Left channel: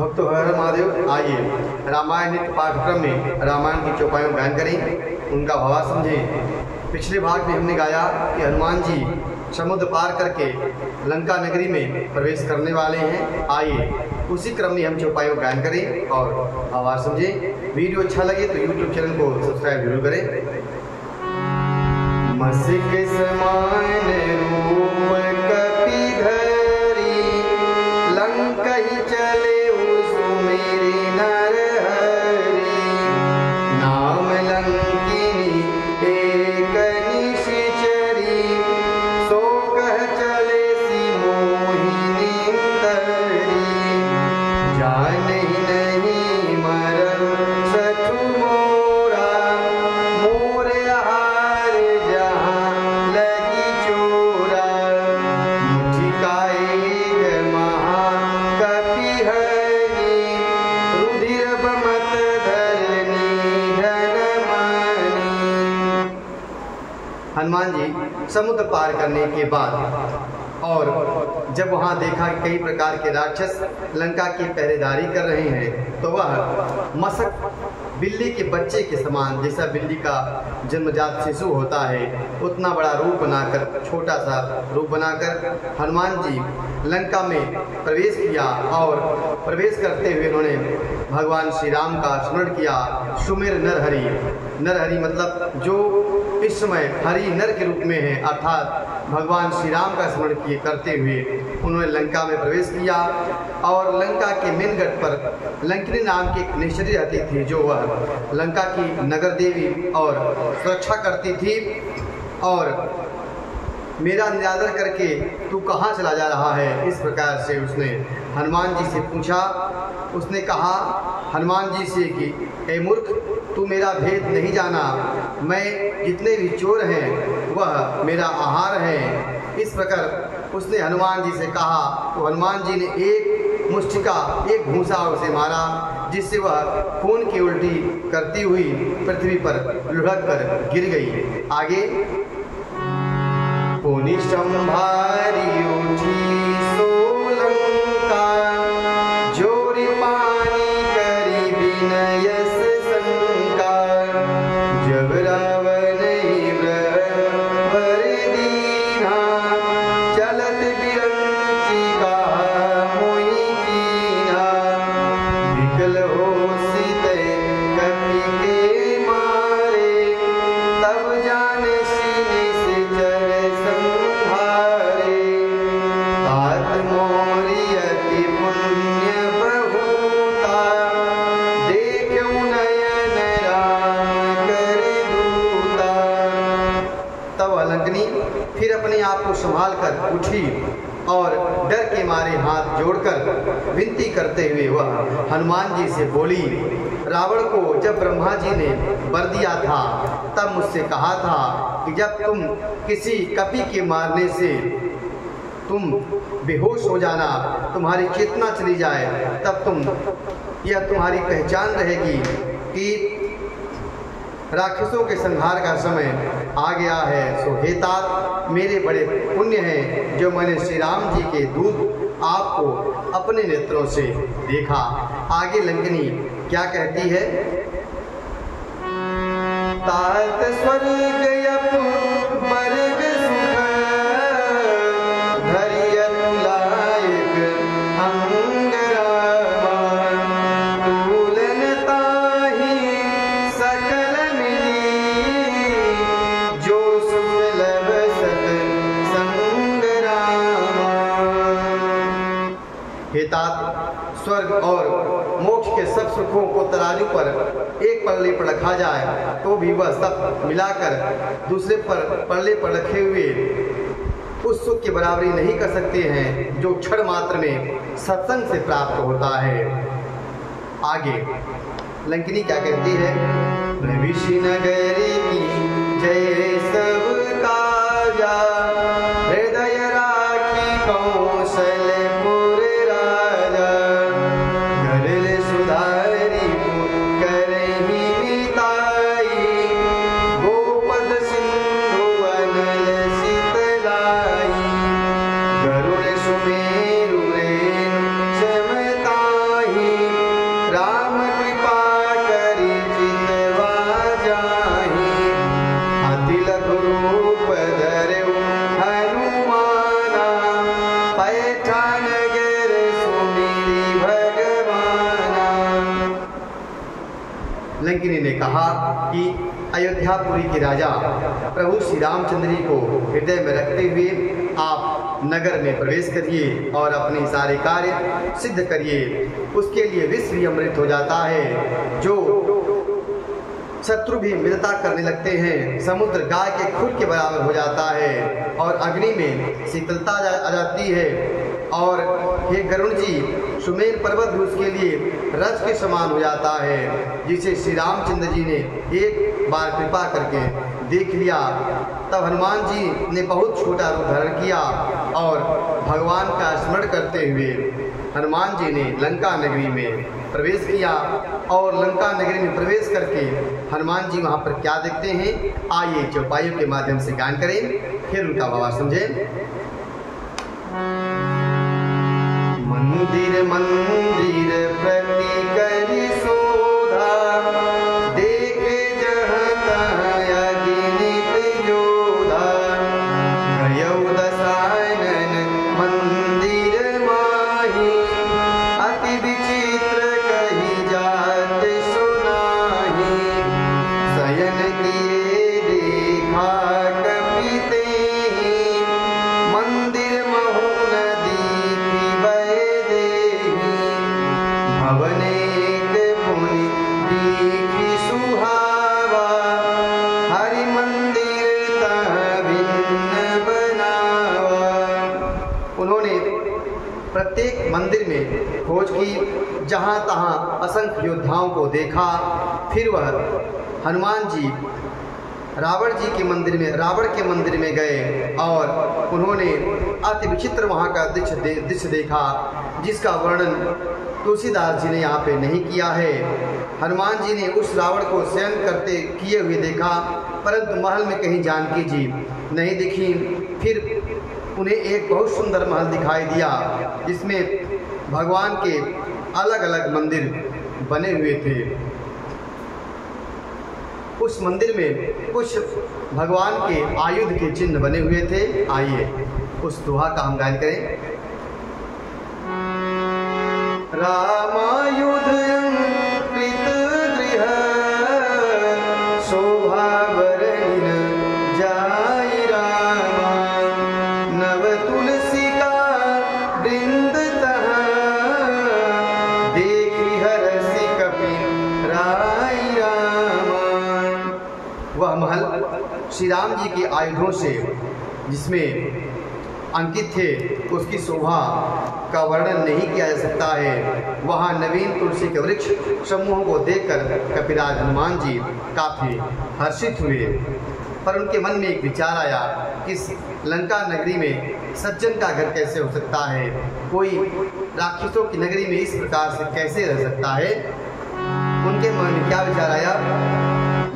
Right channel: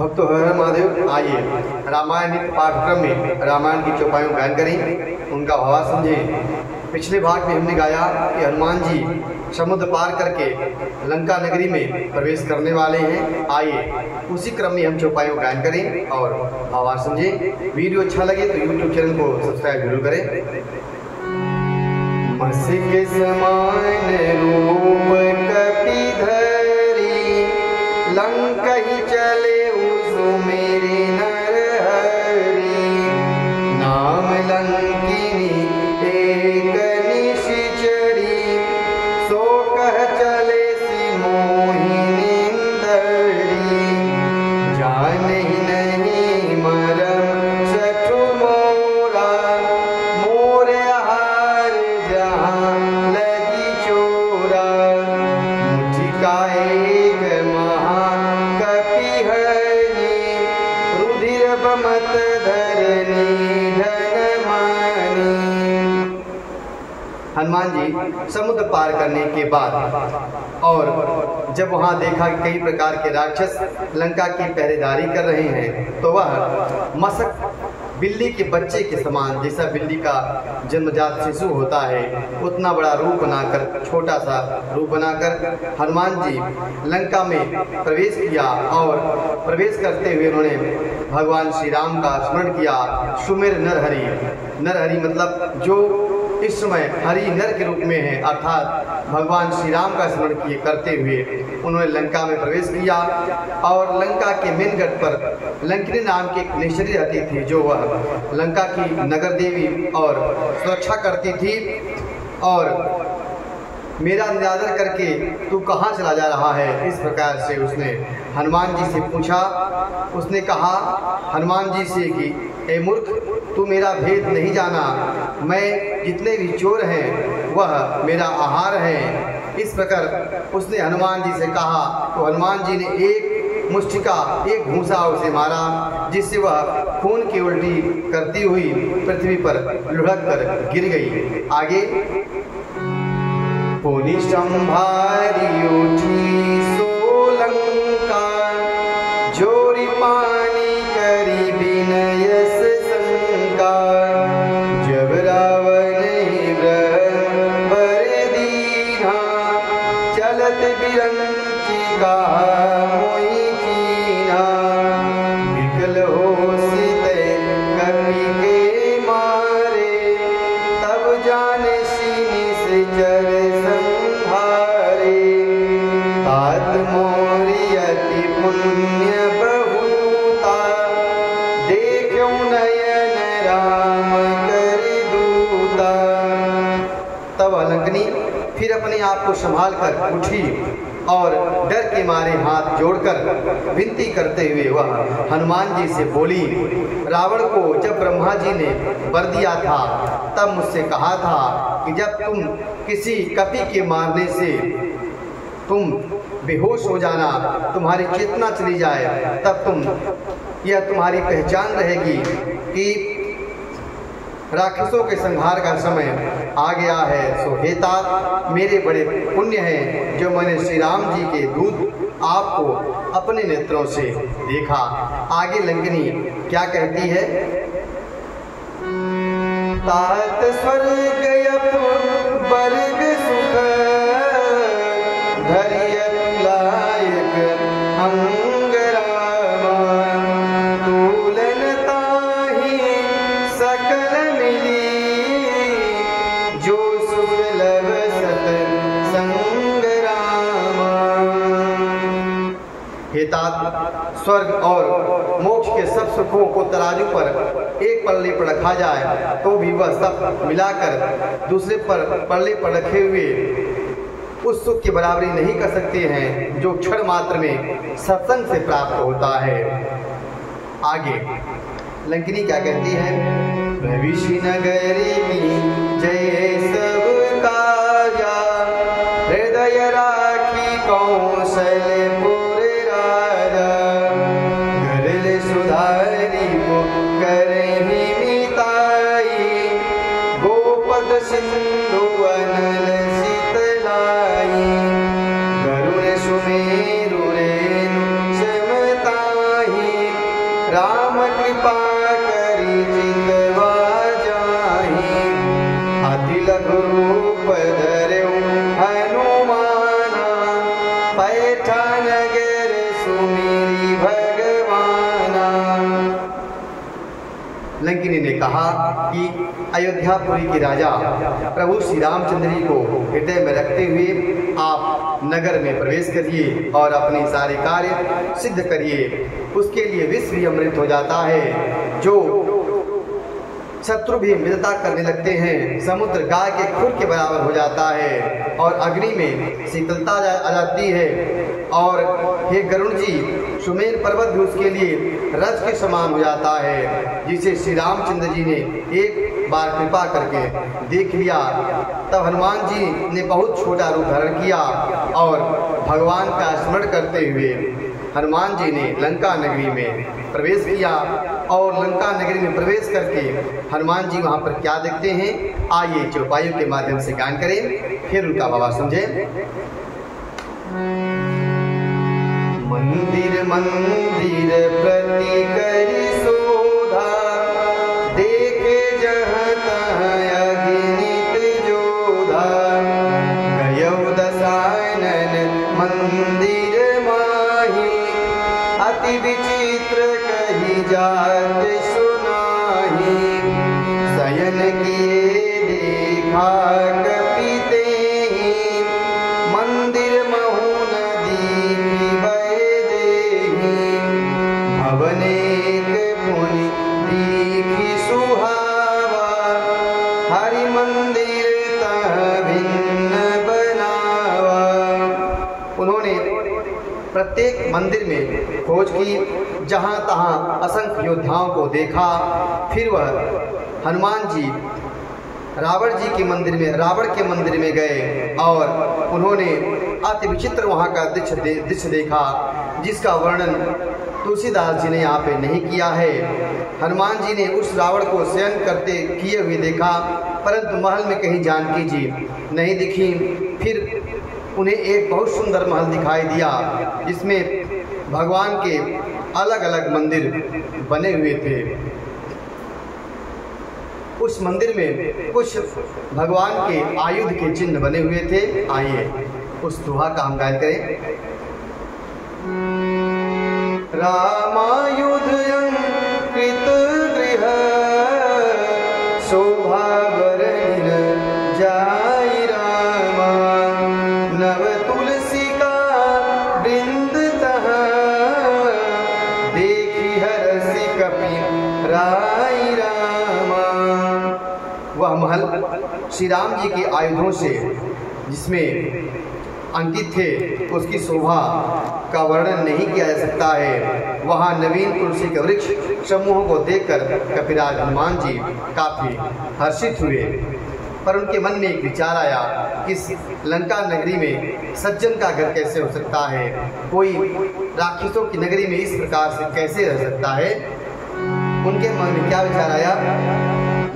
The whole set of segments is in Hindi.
भक्तों हर हर महादेव। आइए रामायण नित्य पाठ्यक्रम में रामायण की चौपाइयों गायन करें, उनका भाव समझें। पिछले भाग में हमने गाया कि हनुमान जी समुद्र पार करके लंका नगरी में प्रवेश करने वाले हैं। आइए उसी क्रम में हम चौपाइयों गायन करें और आवाज समझें। वीडियो अच्छा लगे तो यूट्यूब चैनल को सब्सक्राइब जरूर करें। मसिक समान रूप कपिधरी लंका ही चले सुमेरी नर हरि नाम लंकिनी एक निशिचरी सो कह चले सी मोहिनी दरी जान ही नहीं मरम सठु मोरा मोर हार जहाँ लगी चोरा मुठिका एक महा कपिहनी रुधिर बमत धरनी धन मानी। हनुमान जी समुद्र पार करने के बाद और जब वहां देखा कि कई प्रकार के राक्षस लंका की पहरेदारी कर रहे हैं तो वह मसक बिल्ली के बच्चे के समान, जैसा बिल्ली का जन्मजात शिशु होता है उतना बड़ा रूप बनाकर, छोटा सा रूप बनाकर हनुमान जी लंका में प्रवेश किया और प्रवेश करते हुए उन्होंने भगवान श्री राम का स्मरण किया। सुमेर नरहरि, नरहरि मतलब जो इस समय हरि नर के रूप में है, अर्थात भगवान श्री राम का स्मरण किए करते हुए उन्होंने लंका में प्रवेश किया। और लंका के मेन गढ़ पर लंकिनी नाम की एक निश्चरी रहती थी जो वह लंका की नगर देवी और सुरक्षा करती थी। और मेरा निरादर करके तू कहाँ चला जा रहा है, इस प्रकार से उसने हनुमान जी से पूछा। उसने कहा हनुमान जी से कि ए मूर्ख, तू मेरा भेद नहीं जाना, मैं जितने भी चोर हैं वह मेरा आहार है। इस प्रकार उसने हनुमान जी से कहा तो हनुमान जी ने एक मुष्टिका, एक घूंसा उसे मारा, जिससे वह खून की उल्टी करती हुई पृथ्वी पर लुढ़क कर गिर गई। आगे पुनि संभारी उठी सोलंका जोरी पानी करी विनय से शंका जब रावण ही ब्रह्मवर दीना चलत बिरंची का मोहि कीना विकल हो सीते कपि के मारे तब जाने सीने से चर संहारे तात मोरी अति पुण्य बहुता देखो नयन राम कर दूता। तब लंकिनी फिर अपने आप को संभाल कर उठी और डर के मारे हाथ जोड़कर विनती करते हुए वह हनुमान जी से बोली, रावण को जब ब्रह्मा जी ने वर दिया था तब मुझसे कहा था कि जब तुम किसी कपि के मारने से तुम बेहोश हो जाना, तुम्हारी चेतना चली जाए, तब यह तुम्हारी पहचान रहेगी कि राक्षसों के संहार का समय आ गया है। सो हे तात, मेरे बड़े पुण्य हैं जो मैंने श्री राम जी के दूत आपको अपने नेत्रों से देखा। आगे लंकिनी क्या कहती है? तात स्वर्ग वर्ग सुख धरियत लायक अंगरामा तूलन ताहि सकल मिली जो सुख लब सत संगरामा। हे तात, स्वर्ग और मोक्ष के सब सुखों को तराजू पर एक पल्ले पर रखा जाए तो भी वह सब मिलाकर दूसरे पल्ले पर रखे हुए उस सुख की बराबरी नहीं कर सकते हैं जो क्षण मात्र में सत्संग से प्राप्त होता है। आगे लंकिनी क्या कहती है? प्रविशि नगरी की जय सब काजा हृदय राखी कौशलपुर राजा गरल सुधारी करही मिताई गोपद सिंधु अनल शीतलाई गरुड़ सुमेरु रेणु समताही लंकिनी ने कहा कि अयोध्यापुरी के राजा प्रभु श्री रामचंद्र जी को हृदय में रखते हुए आप नगर में प्रवेश करिए और अपने सारे कार्य सिद्ध करिए। उसके लिए विश्व भी अमृत हो जाता है। जो शत्रु भी मित्रता करने लगते हैं, समुद्र गाय के खुर के बराबर हो जाता है और अग्नि में शीतलता आ जाती है। और हे गरुण जी, सुमेर पर्वत भी उसके लिए रज के समान हो जाता है, जिसे श्री रामचंद्र जी ने एक बार कृपा करके देख लिया। तब हनुमान जी ने बहुत छोटा रूप धारण किया और भगवान का स्मरण करते हुए हनुमान जी ने लंका नगरी में प्रवेश किया। और लंका नगरी में प्रवेश करके हनुमान जी वहाँ पर क्या देखते हैं, आइए चौपाइयों के माध्यम से गान करें, फिर उनका भाव समझें। मंदिर मंदिर प्रति करि शोधा, देखे जहाँ तहाँ अगणित जोधा। गयौ दसानन मंदिर माही, अति विचित्र कही जात सुनाही। शयन किए देखा कपिते, मंदिर महु नदी भय देही। भवनेक पुनि दीखी सुहावा, हरि मंदिर तह भिन्न बनावा। उन्होंने प्रत्येक मंदिर में खोज की, जहाँ तहाँ असंख्य योद्धाओं को देखा। फिर वह हनुमान जी रावण के मंदिर में गए और उन्होंने अति विचित्र वहाँ का दृश्य देखा, जिसका वर्णन तुलसीदास जी ने यहाँ पे नहीं किया है। हनुमान जी ने उस रावण को शयन करते किए हुए देखा, परंतु महल में कहीं जानकी जी नहीं दिखी। फिर उन्हें एक बहुत सुंदर महल दिखाई दिया, जिसमें भगवान के अलग अलग मंदिर बने हुए थे। उस मंदिर में कुछ भगवान के आयुध के चिन्ह बने हुए थे। आइए उस दोहा का हम गायन करें। रामायुध कृत गृह, शोभा बरनिन जाई रामा। नव तुलसिका वृंद तह, देखी हरसि कपि राई रामा। वह महल श्री राम जी के आयुधों से जिसमें अंकित थे, उसकी शोभा का वर्णन नहीं किया जा सकता है। वहाँ नवीन तुलसी के वृक्ष समूह को देखकर कपिराज हनुमान जी काफ़ी हर्षित हुए, पर उनके मन में एक विचार आया कि लंका नगरी में सज्जन का घर कैसे हो सकता है, कोई राक्षसों की नगरी में इस प्रकार से कैसे रह सकता है। उनके मन में क्या विचार आया,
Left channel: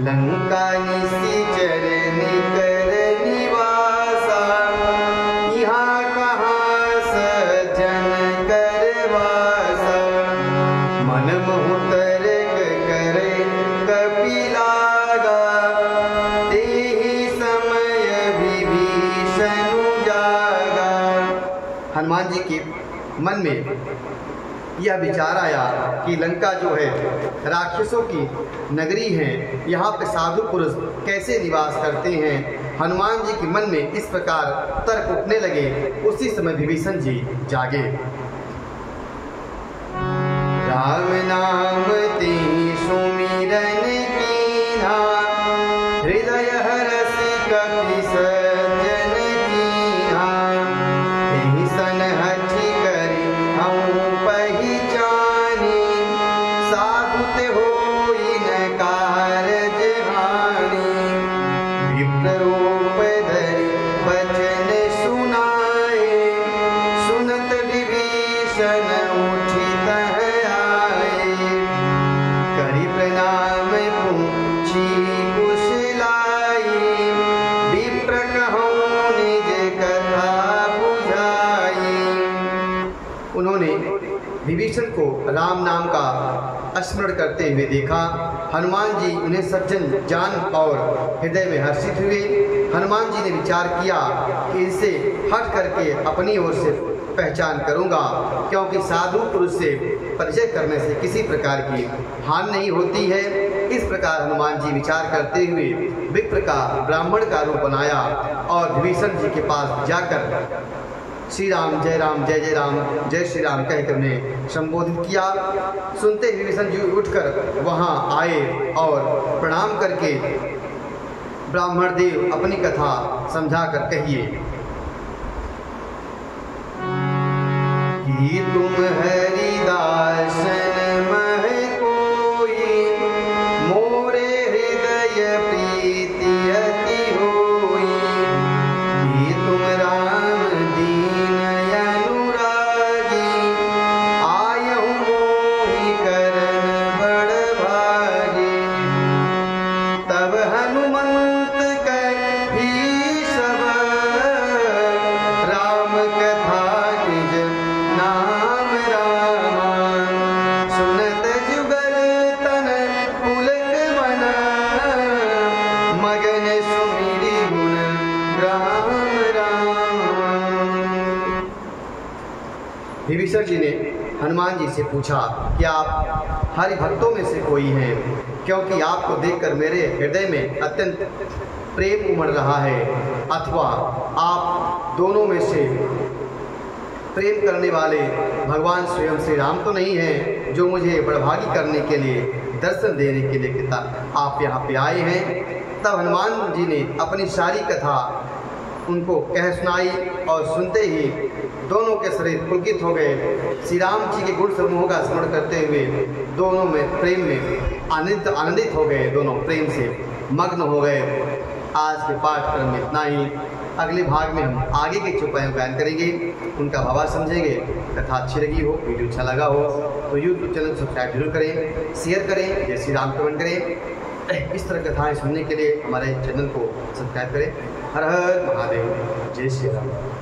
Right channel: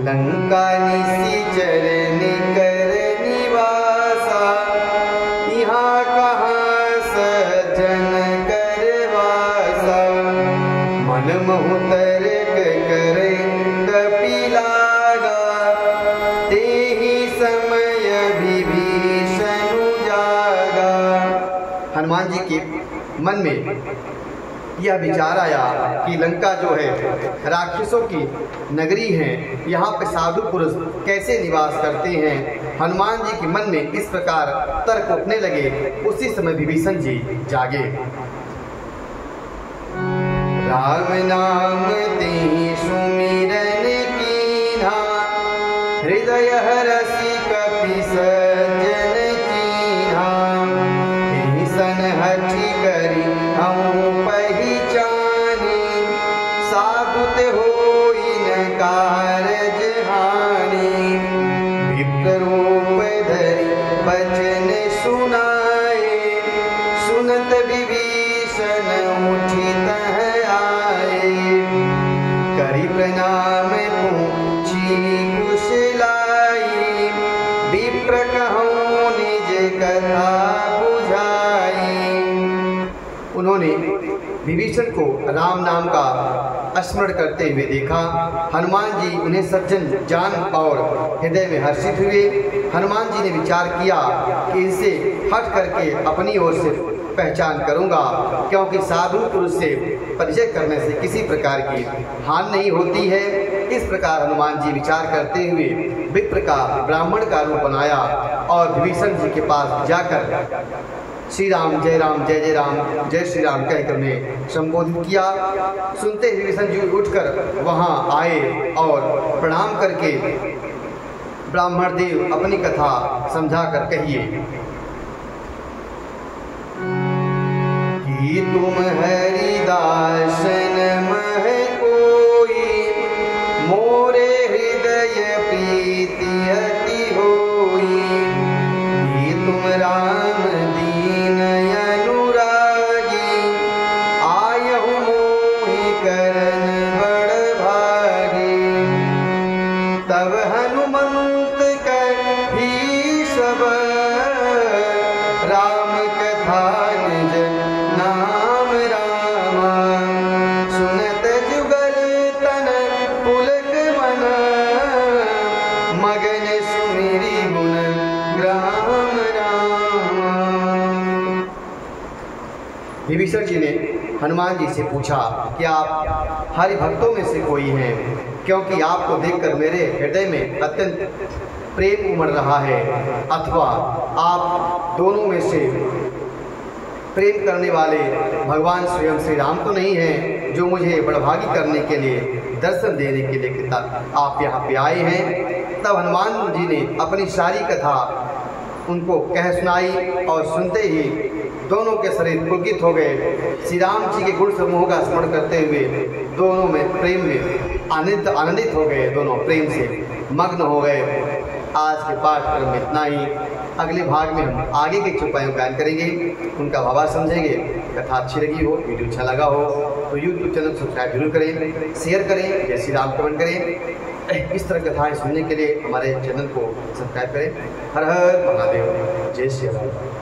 लंका निशिचर निकर निवासा, यहाँ कहाँ सज्जन करवासा। मन महु तर्क करे कपिलागा, तेहि समय विभीषण जागा। हनुमान जी के मन में यह विचार आया कि लंका जो है राक्षसों की नगरी है, यहाँ पे साधु पुरुष कैसे निवास करते हैं। हनुमान जी के मन में इस प्रकार तर्क उठने लगे। उसी समय विभीषण जी जागे। राम नाम तेहि सुमिरन कीन्हा, हृदय हरषि कपि सज्जन कीन्हा। एहि सन हठि करि हऊँ पहिचानी, साधुत होई न कारज हानि। विप्र रूप धरि बचन सुनाए, सुनत विभीषण उठि तह आए। करि प्रणाम पूछी कुशलाई, विप्र कहूँ निज कथा बुझाई। उन्होंने विभीषण को राम नाम का स्मरण करते हुए देखा। हनुमान जी उन्हें सज्जन जान और हृदय में हर्षित हुए। हनुमान जी ने विचार किया कि इनसे हट करके अपनी ओर से पहचान करूंगा, क्योंकि साधु पुरुष से परिचय करने से किसी प्रकार की हानि नहीं होती है। इस प्रकार हनुमान जी विचार करते हुए विप्र का ब्राह्मण का रूप बनाया और विभीषण जी के पास जाकर श्री राम जय जय राम जय श्री राम कहकर उन्हें संबोधित किया। सुनते ही विभीषण जी उठकर वहां आए और प्रणाम करके ब्राह्मण देव अपनी कथा समझाकर कहिए कि तुम हरिदासन मह कोई, मोरे हृदय प्रीति अति होई, कि तुम राम दीन अनुरागी, आयहु मोहि करन बड़ भागी। तब हनुमंत कही सब राम कथा निज नाम रामा, सुनत जुगल तन पुलक मन, मगन सुमिरी गुण ग्राम रामा। विभीषण जी ने हनुमान जी से पूछा कि आप हरि भक्तों में से कोई हैं, क्योंकि आपको देखकर मेरे हृदय में अत्यंत प्रेम उमड़ रहा है, अथवा आप दोनों में से प्रेम करने वाले भगवान स्वयं श्री राम तो नहीं हैं, जो मुझे बड़भागी करने के लिए दर्शन देने के लिए आप यहाँ पे आए हैं। तब हनुमान जी ने अपनी सारी कथा उनको कह सुनाई और सुनते ही दोनों के शरीर पुलकित हो गए। श्री राम जी के गुण समूह का स्मरण करते हुए दोनों में प्रेम में आनंदित हो गए, दोनों प्रेम से मग्न हो गए। आज के पाठक्रम में इतना ही। अगले भाग में हम आगे के चौपायों का गायन करेंगे, उनका भावार्थ समझेंगे। कथा अच्छी लगी हो, वीडियो अच्छा लगा हो तो यूट्यूब चैनल सब्सक्राइब जरूर करें, शेयर करें, जय श्री राम कमेंट करें। इस तरह कथाएं सुनने के लिए हमारे चैनल को सब्सक्राइब करें। हर हर महादेव, जय श्री राम।